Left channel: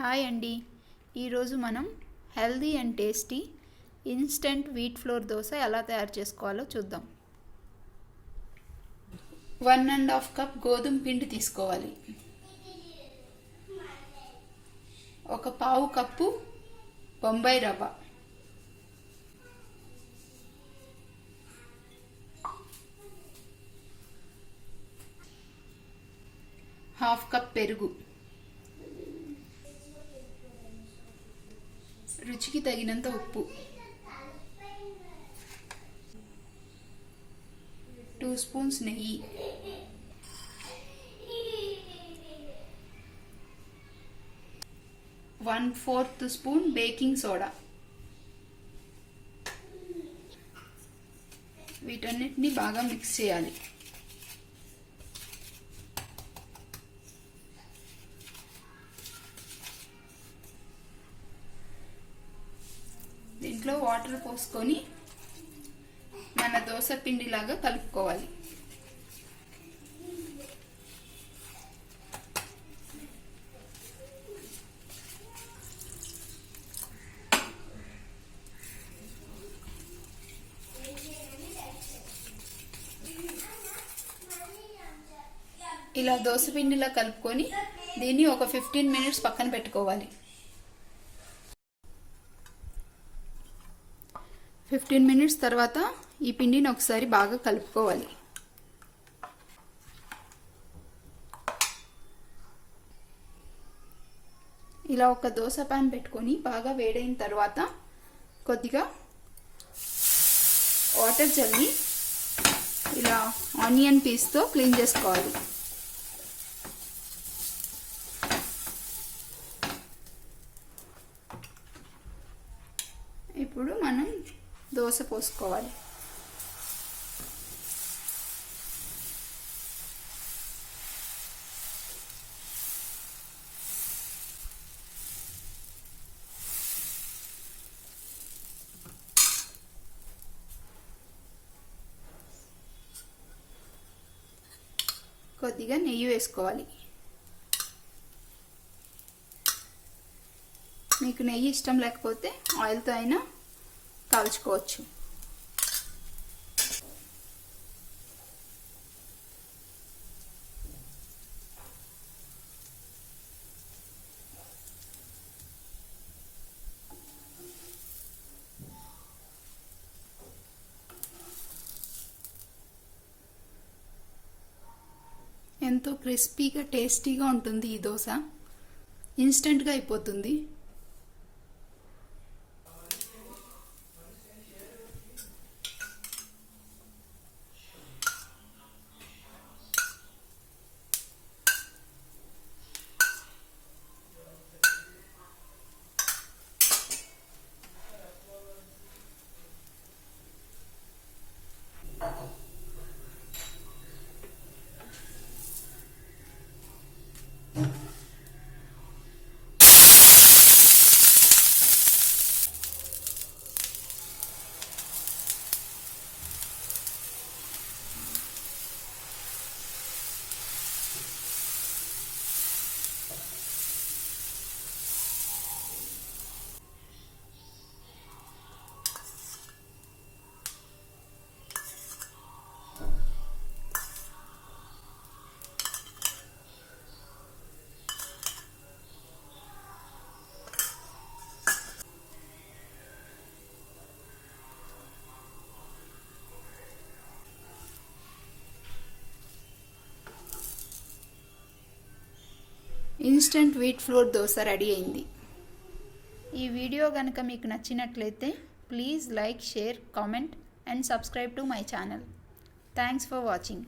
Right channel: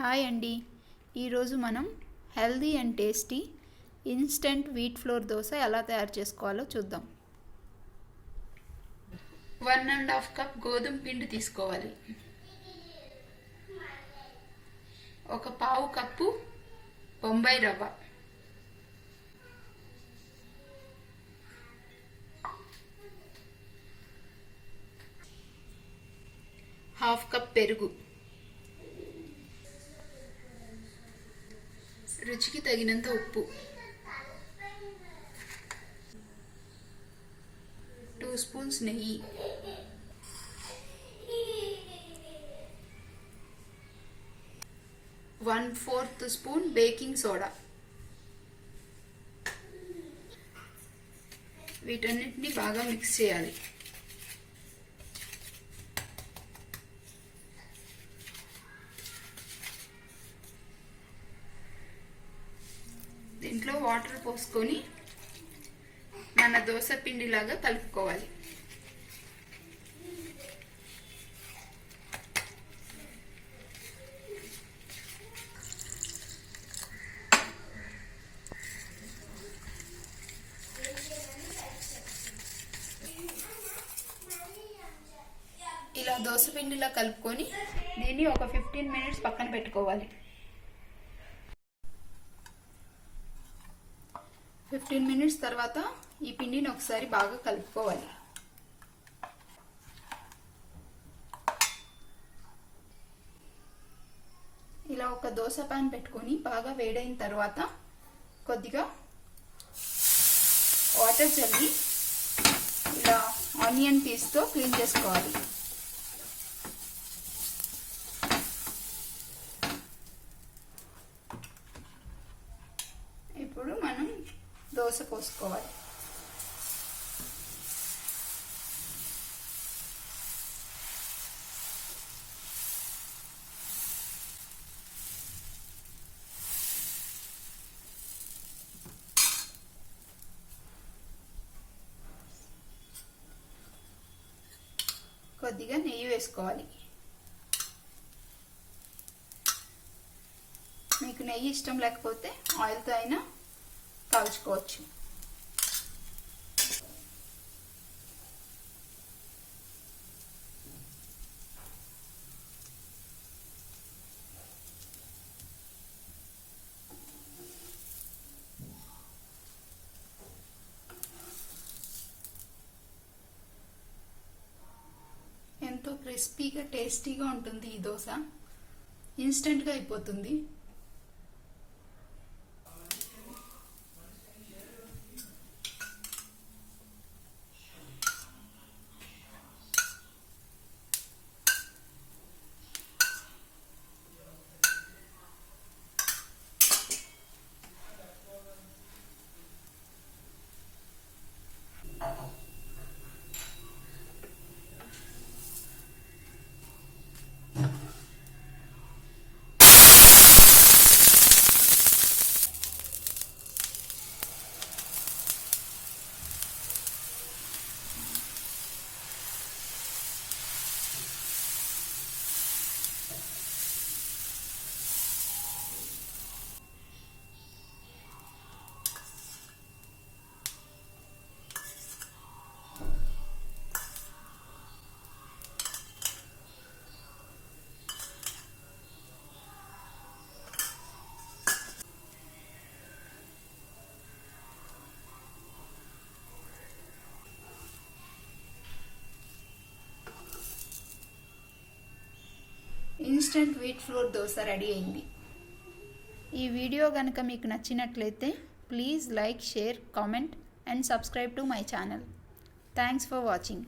హాయ్ అండి. ఈరోజు మనం healthy and tasty instant wheat flour dosa ఎలా తయారు చేసుకోవాలో చూద్దాం. 1.5 కప్ గోధుమ పిండి తీసుకోవాలి. ఒక పావు కప్పు బొంబాయి రవ్వ, హాఫ్ కప్ పెరుగు, రుచికి తగినంత ఉప్పు, 2 స్పూన్స్ నెయ్యి, one fourth spoon baking soda. వీటన్నిటిని బాగా మిక్స్ చేయాలి. దీంట్లో వాటర్ పోసుకొని మన దోశ పిండిలాగా కలుపుకోవాలి. ఇలా దోశ పిండిలా కలుపుకొని దీన్ని ఒక 15 మినిట్స్ పక్కన పెట్టుకోవాలి. 15 మినిట్స్ తర్వాత ఈ పిండిని ఒకసారి బాగా కలుపుకోవాలి. ఇలా ఒక దోశ పాన్ పెట్టుకొని బాగా వేడైన తర్వాత కొద్దిగా వాటర్ చల్లి ఇలా ఆనియన్ పీస్తో క్లీన్ చేసుకోవాలి. ఇప్పుడు మనం దోశ పోసుకోవాలి. కొద్దిగా నెయ్యి వేసుకోవాలి. మీకు నెయ్యి ఇష్టం లేకపోతే ఆయిల్తో అయినా కాల్చుకోవచ్చు. ఎంతో క్రిస్పీగా టేస్టీగా ఉంటుంది ఈ దోశ. ఇన్స్టెంట్గా అయిపోతుంది. ఇన్స్టెంట్ వీట్ ఫ్లోర్ దోశ రెడీ అయింది. ఈ వీడియో కనుక మీకు నచ్చినట్లయితే please like, share, comment and subscribe to my channel. Thanks for watching.